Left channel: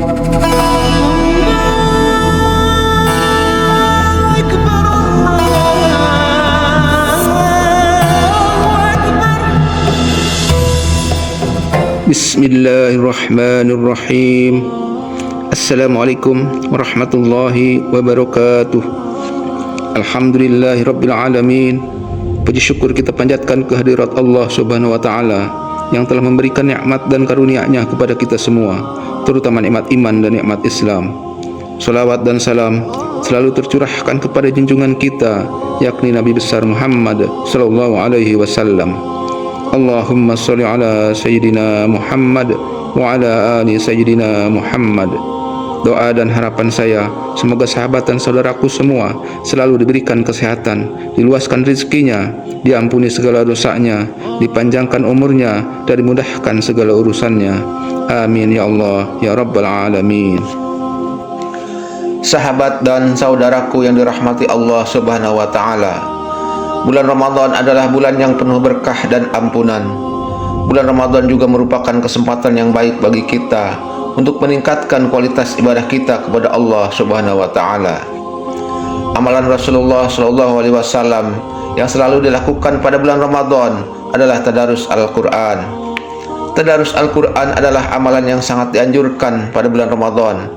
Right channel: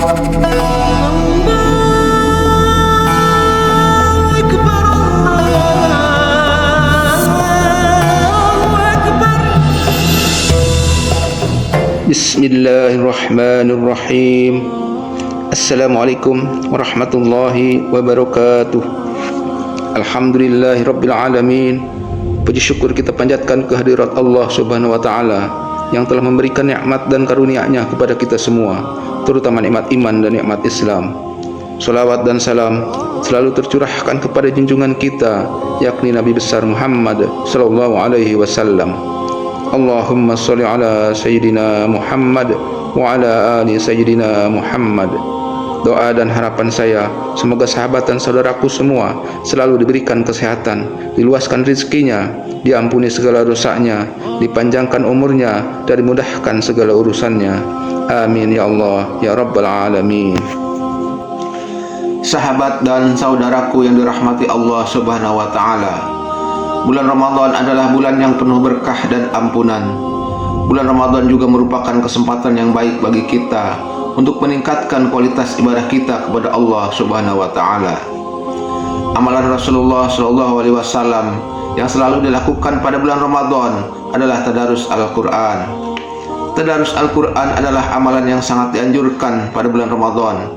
Bismillahirrahmanirrahim. Assalamualaikum warahmatullahi wabarakatuh. Alhamdulillahirabbil alamin. Puji syukur kita panjatkan kehadirat Allah Subhanahu wa taala yang telah memberikan nikmat dan karunia-Nya kepada kita semua, terutama nikmat iman dan nikmat Islam. Salawat dan salam selalu tercurahkan kepada junjungan kita, yakni Nabi besar Muhammad sallallahu alaihi wasallam. Allahumma sholli ala sayyidina Muhammad wa ala ali sayyidina Muhammad. Doa dan harapan saya, semoga sahabat dan saudaraku semua selalu diberikan kesehatan, diluaskan rezekinya, diampuni segala dosanya, dipanjangkan umurnya, dan dimudahkan segala urusannya. Amin ya Allah ya Rabbal Alamin. Sahabat dan saudaraku yang dirahmati Allah Subhanahu wa taala, bulan Ramadan adalah bulan yang penuh berkah dan ampunan. Bulan Ramadan juga merupakan kesempatan yang baik bagi kita untuk meningkatkan kualitas ibadah kita kepada Allah Subhanahu wa taala. Amalan Rasulullah sallallahu alaihi wasallam yang selalu dilakukan pada bulan Ramadan adalah tadarus Al-Qur'an. Tadarus Al-Qur'an adalah amalan yang sangat dianjurkan pada bulan Ramadan.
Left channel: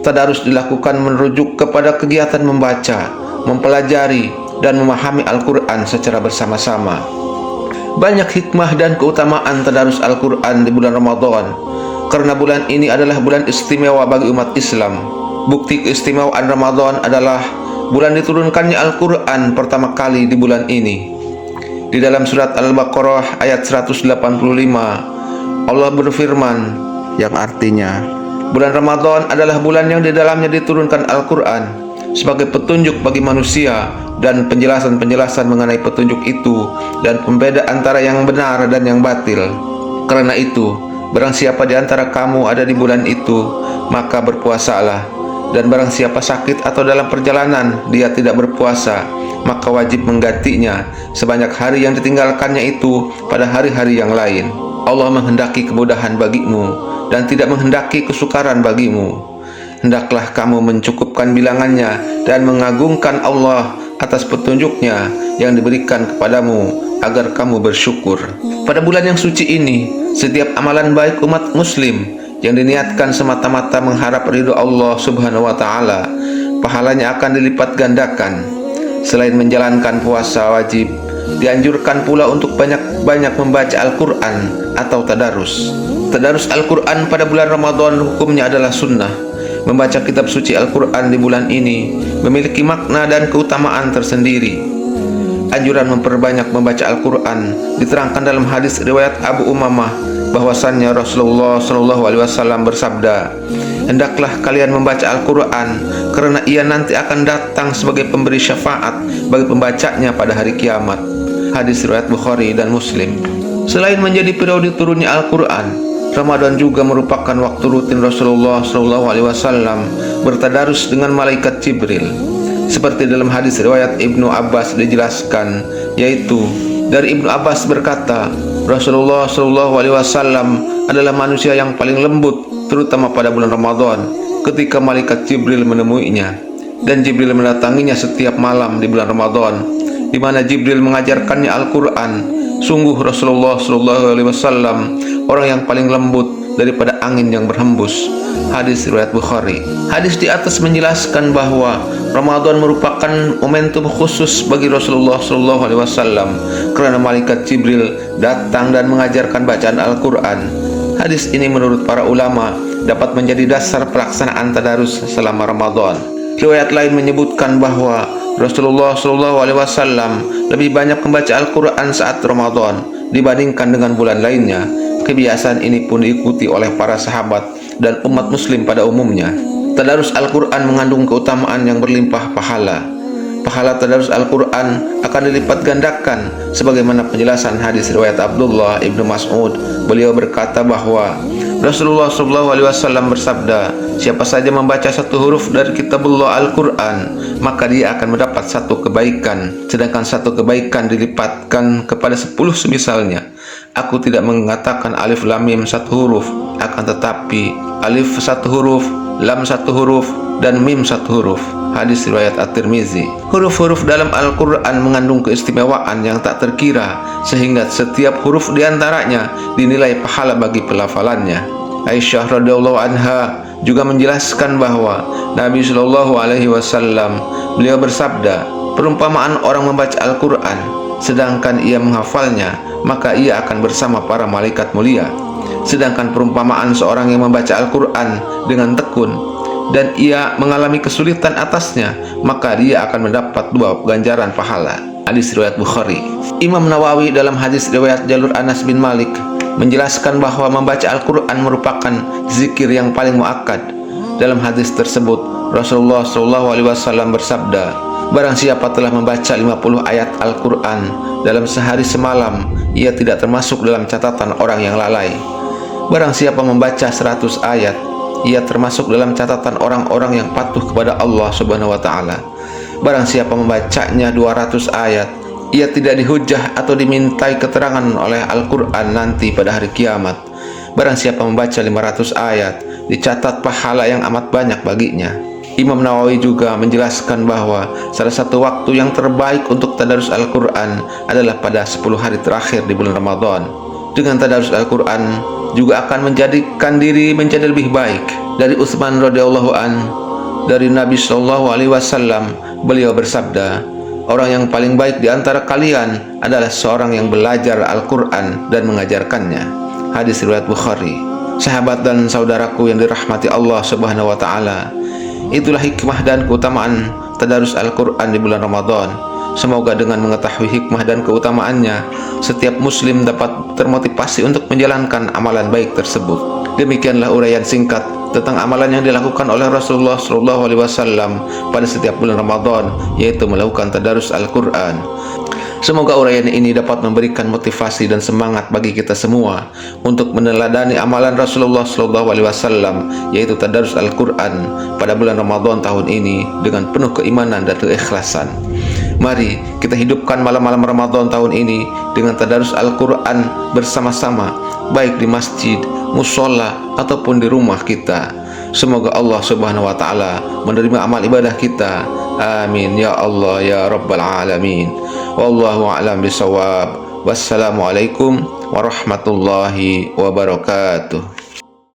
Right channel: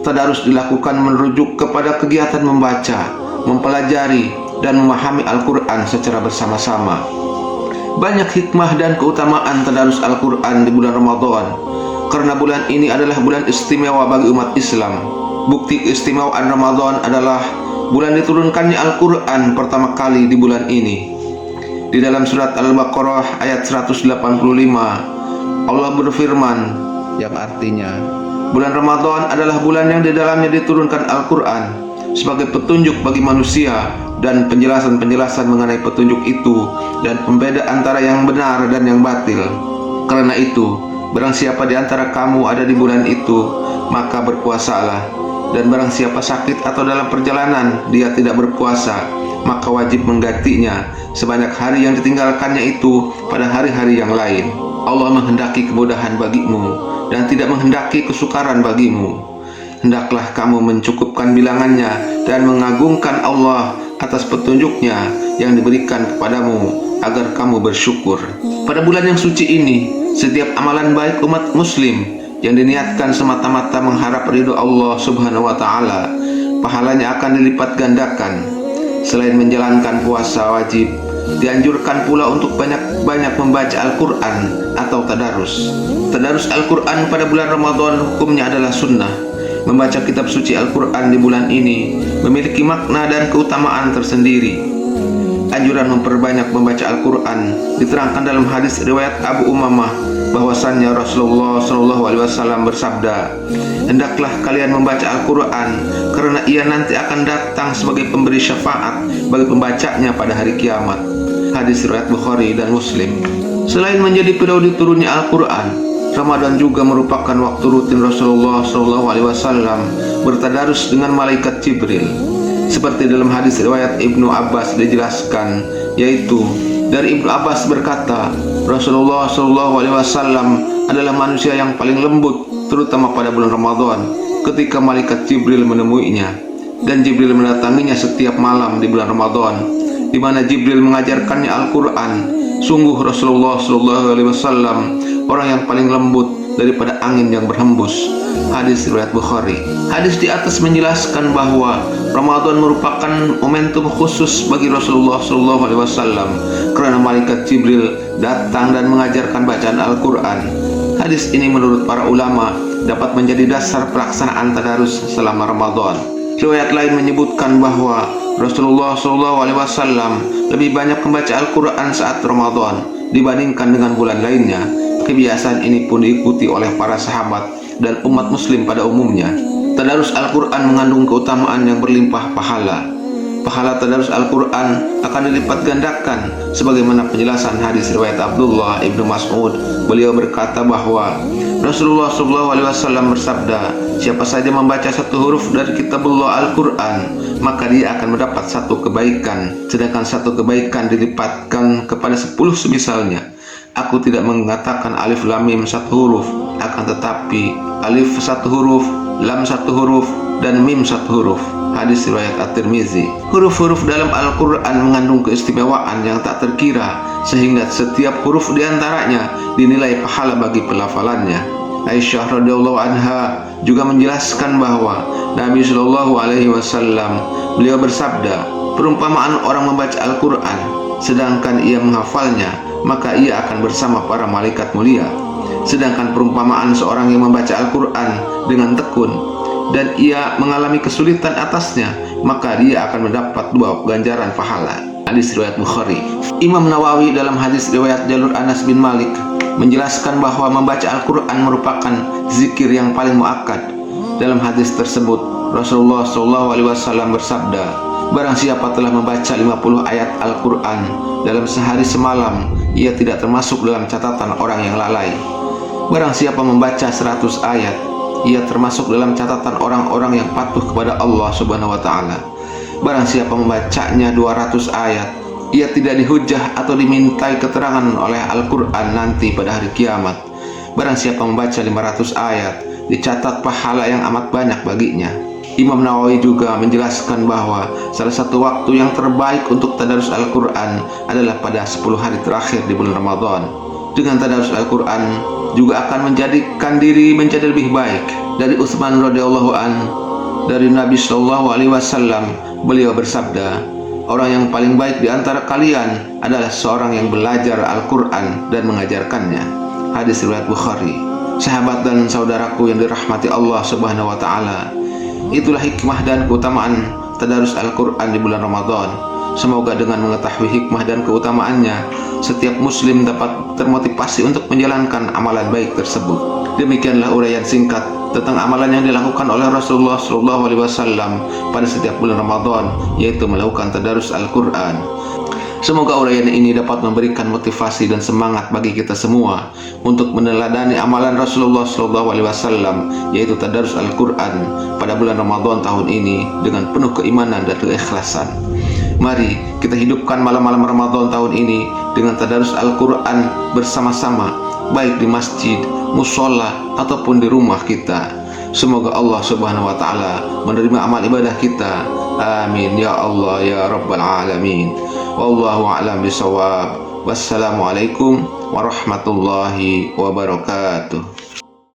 Tadarus dilakukan merujuk kepada kegiatan membaca, mempelajari, dan memahami Al-Quran secara bersama-sama. Banyak hikmah dan keutamaan tadarus Al-Quran di bulan Ramadan, karena bulan ini adalah bulan istimewa bagi umat Islam. Bukti keistimewaan Ramadan adalah bulan diturunkannya Al-Quran pertama kali di bulan ini. Di dalam surat Al-Baqarah ayat 185, Allah berfirman yang artinya, bulan Ramadan adalah bulan yang di dalamnya diturunkan Al-Quran sebagai petunjuk bagi manusia dan penjelasan-penjelasan mengenai petunjuk itu dan pembeda antara yang benar dan yang batil. Karena itu, barang siapa di antara kamu ada di bulan itu, maka berpuasalah. Dan barang siapa sakit atau dalam perjalanan dia tidak berpuasa, maka wajib menggantinya sebanyak hari yang ditinggalkannya itu pada hari-hari yang lain. Allah menghendaki kemudahan bagimu dan tidak menghendaki kesukaran bagimu. Hendaklah kamu mencukupkan bilangannya dan mengagungkan Allah atas petunjuknya yang diberikan kepadamu agar kamu bersyukur. Pada bulan yang suci ini, setiap amalan baik umat muslim yang diniatkan semata-mata mengharap ridho Allah Subhanahu wa taala, pahalanya akan dilipat gandakan. Selain menjalankan puasa wajib, dianjurkan pula untuk banyak-banyak membaca Al-Quran atau tadarus. Tadarus Al-Quran pada bulan Ramadan hukumnya adalah sunnah. Membaca kitab suci Al-Quran di bulan ini memiliki makna dan keutamaan tersendiri. Anjuran memperbanyak membaca Al-Quran diterangkan dalam hadis riwayat Abu Umamah bahwasannya Rasulullah SAW bersabda, hendaklah kalian membaca Al-Quran karena ia nanti akan datang sebagai pemberi syafaat bagi pembacanya pada hari kiamat. Hadis riwayat Bukhari dan Muslim. Selain menjadi periode turunnya Al-Quran, Ramadan juga merupakan waktu rutin Rasulullah SAW bertadarus dengan malaikat Jibril. Seperti dalam hadis riwayat Ibnu Abbas dijelaskan, yaitu dari Ibnu Abbas berkata, Rasulullah SAW adalah manusia yang paling lembut, terutama pada bulan Ramadan, ketika malaikat Jibril menemuinya. Dan Jibril mendatanginya setiap malam di bulan Ramadan, di mana Jibril mengajarkannya Al-Quran. Sungguh Rasulullah SAW orang yang paling lembut daripada angin yang berhembus. Hadis riwayat Bukhari. Hadis di atas menjelaskan bahwa Ramadan merupakan momentum khusus bagi Rasulullah SAW karena malaikat Jibril datang dan mengajarkan bacaan Al-Quran. Hadis ini menurut para ulama dapat menjadi dasar pelaksanaan tadarus selama Ramadan. Riwayat lain menyebutkan bahwa Rasulullah SAW lebih banyak membaca Al-Quran saat Ramadan dibandingkan dengan bulan lainnya. Kebiasaan ini pun diikuti oleh para sahabat dan umat muslim pada umumnya. Tadarus Al-Quran mengandung keutamaan yang berlimpah pahala. Pahala tadarus Al-Quran akan dilipat gandakan sebagaimana penjelasan hadis riwayat Abdullah ibnu Mas'ud. Beliau berkata bahwa Rasulullah SAW bersabda, siapa saja membaca satu huruf dari kitabullah Al-Quran, maka dia akan mendapat satu kebaikan, sedangkan satu kebaikan dilipatkan kepada 10 semisalnya. Aku tidak mengatakan alif lam mim satu huruf, akan tetapi alif satu huruf, lam satu huruf, dan mim satu huruf. Hadis riwayat At-Tirmizi. Huruf-huruf dalam Al-Quran mengandung keistimewaan yang tak terkira, sehingga setiap huruf diantaranya dinilai pahala bagi pelafalannya. Aisyah radhiyallahu anha juga menjelaskan bahwa Nabi Shallallahu Alaihi Wasallam beliau bersabda, perumpamaan orang membaca Al-Quran sedangkan ia menghafalnya, maka ia akan bersama para malaikat mulia. Sedangkan perumpamaan seorang yang membaca Al-Quran dengan tekun dan ia mengalami kesulitan atasnya, maka dia akan mendapat 2 ganjaran pahala. Hadis riwayat Bukhari. Imam Nawawi dalam hadis riwayat jalur Anas bin Malik menjelaskan bahwa membaca Al-Quran merupakan zikir yang paling muakkad. Dalam hadis tersebut, Rasulullah SAW bersabda, barang siapa telah membaca 50 ayat Al-Quran dalam sehari semalam, ia tidak termasuk dalam catatan orang yang lalai. Barang siapa membaca 100 ayat, ia termasuk dalam catatan orang-orang yang patuh kepada Allah Subhanahu wa Ta'ala. Barang siapa membacanya 200 ayat, ia tidak dihujah atau dimintai keterangan oleh Al-Quran nanti pada hari kiamat. Barang siapa membaca 500 ayat, dicatat pahala yang amat banyak baginya. Imam Nawawi juga menjelaskan bahwa salah satu waktu yang terbaik untuk tadarus Al-Quran adalah pada 10 hari terakhir di bulan Ramadan. Dengan tadarus Al-Quran juga akan menjadikan diri menjadi lebih baik. Dari Utsman radhiyallahu an, dari Nabi Shallallahu Alaihi Wasallam, beliau bersabda, orang yang paling baik di antara kalian adalah seorang yang belajar Al-Quran dan mengajarkannya. Hadis riwayat Bukhari. Sahabat dan saudaraku yang dirahmati Allah Subhanahu wa Ta'ala, itulah hikmah dan keutamaan tadarus Al-Quran di bulan Ramadan. Semoga dengan mengetahui hikmah dan keutamaannya, setiap muslim dapat termotivasi untuk menjalankan amalan baik tersebut. Demikianlah uraian singkat tentang amalan yang dilakukan oleh Rasulullah SAW pada setiap bulan Ramadan, yaitu melakukan tadarus Al-Quran. Semoga uraian ini dapat memberikan motivasi dan semangat bagi kita semua untuk meneladani amalan Rasulullah SAW, yaitu tadarus Al-Quran pada bulan Ramadan tahun ini dengan penuh keimanan dan keikhlasan. Mari kita hidupkan malam-malam Ramadan tahun ini dengan tadarus Al-Quran bersama-sama, baik di masjid, musola, ataupun di rumah kita. Semoga Allah Subhanahu wa Ta'ala menerima amal ibadah kita. Amin ya Allah ya Rabbal Alamin. Wallahu a'lam bishawab. Wassalamualaikum warahmatullahi wabarakatuh.